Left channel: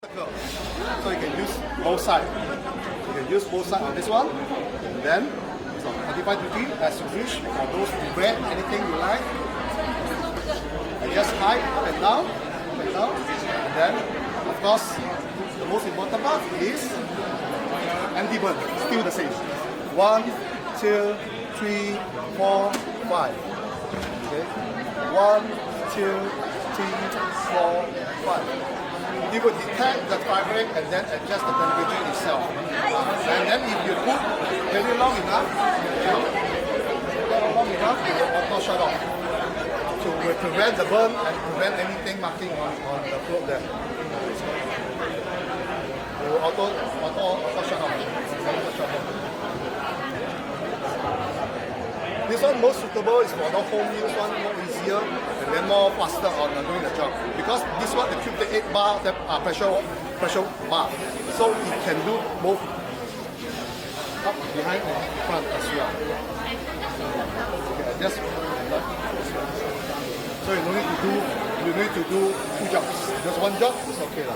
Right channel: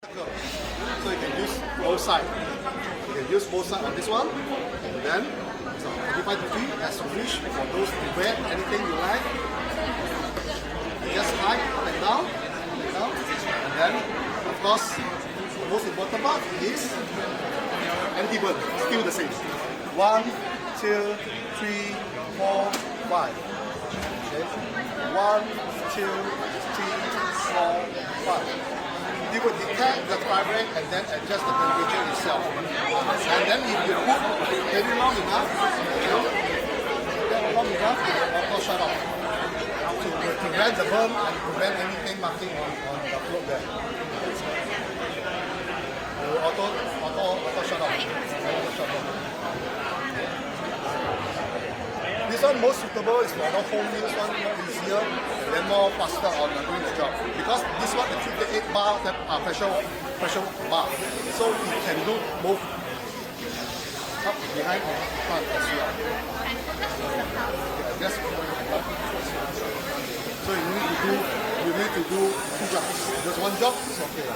So you can use both sides. You can use both sides on this one, and then so 45 degrees as you wish for those to wear anything you like. And just high up and down, and then of course the most important part is anti-burn. Still the same. 1, 2, 3, 4, 5. Okay. 1, 2, 3, 4, 5. You will detect the current and then adjust the temperature itself. And then if you put very long enough, it will auto shut off. To prevent the burn and prevent anything marking on the float there. It will auto shut off. This one most suitable is for the home use one, more easier and then more faster on doing the job. Because this one the 58 bar that are pressure bar. So it can do both up, behind and front as well. Just so you need to do 2 jobs. Just 1 job is okay.